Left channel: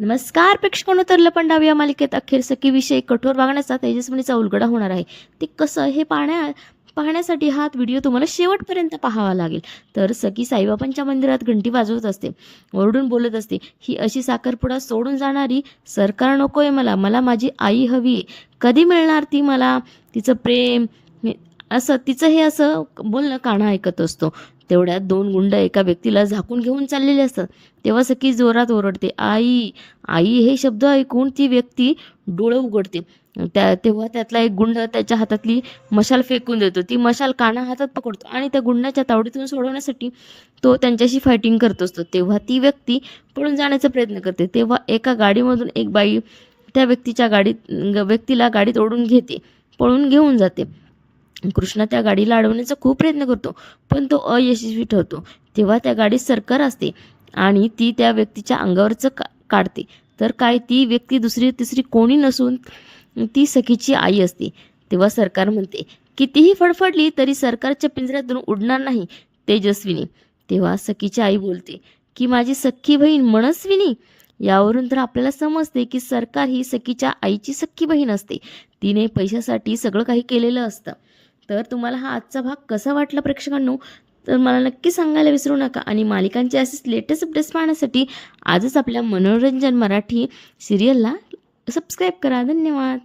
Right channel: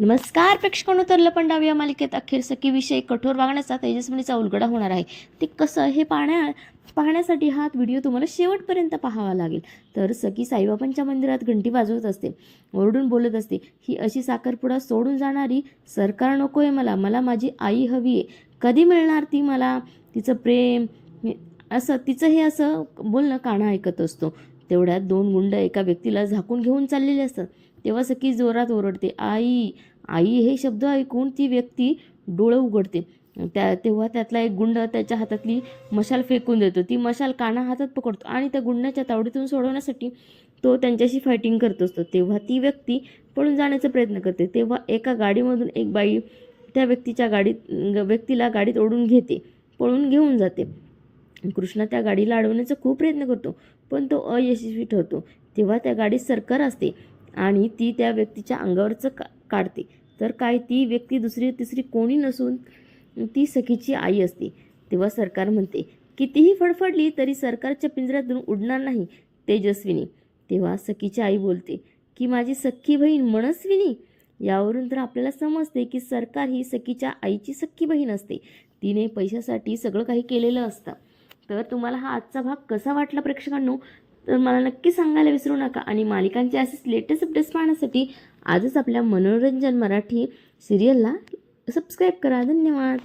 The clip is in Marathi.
नमस्कार प्रेक्षकांनो, तर लपंडाव या मालिकेत अखेर सखीविषयी कठोर वागण्याचा तेजस्विनीचा उलगडा होणार आहे. ते कसं हे पाहण्यासाठी हा व्हिडिओ तुम्हाला शेवटपर्यंत पाहावा लागेल. तर सखी साईबाबांच्या मंदिरात घंटी वाजवत असते, ओरडून बोलत असते, ही अशी साखरपुडा सोडून जाणारी सरकार नकोय मला, मला माझी आई हवी आहे. कधी मिळणार ती मला, तिचं प्रेम असं तिचं हे असं बोलणं कान्हा ऐकत असतो. तेवढ्यात दोन गुंड एका व्यक्तीला झाकून घेऊन चाललेले असतात. तेव्हा सखी जोरात ओरडते, आई आई. हे शब्द ऐकून ती व्यक्ती डोळे उघडते. तेव्हा त्यातला एक गुंड त्याच्या हातातली मशाल फेकून देतो. ती मशाल कान्हा हातात पकडतो आणि त्या गुंडाच्या तावडीतून सोडवण्यासाठी तो त्यांच्याशी फायटिंग करत असतो. तेव्हा ती व्यक्ती पळून जाण्याचा प्रयत्न करते. तेव्हा एका गाडीमधून एक बाई त्या व्यक्तीला गाडीत ओढून घेते, पळून घेऊन जाते. कृष्णा त्या गाडीला अडवण्याचा खूप प्रयत्न करतो, पण तो अयशस्वी ठरतो. तेव्हा त्या गाडीत सरकार असते आणि ती त्या व्यक्तीच्या अंगावरचं काढते. तर काय, ती व्यक्ती दुसरी तिसरी कोणी नसून ती सखीची आई असते. तेव्हा सरकार म्हणते, कितीही फडफडली तरी सरकारच्या पिंजऱ्यातून उडणार नाही तेजस्विनी. तेव्हा सखीची आई बोलते की माझी सख्खी बहीण मनस्विनी. यावरून तर आपल्याला समजते की सरकार ही सखीच्या आईची सख्खी बहीण असते. तिने पैशासाठी सगळं काही केलेलं असतं. तर तुम्हाला हा आजचा भाग कसा वाटला प्रेक्षकांनो, तर मला नक्की सांगायला विसरू नका. आणि मालिकांचे असेच लेटेस्ट अपडेट्स पाहण्यासाठी आजच आपल्या मनोरंजन मराठी सिरियलला सबस्क्राईब करा. धन्यवाद.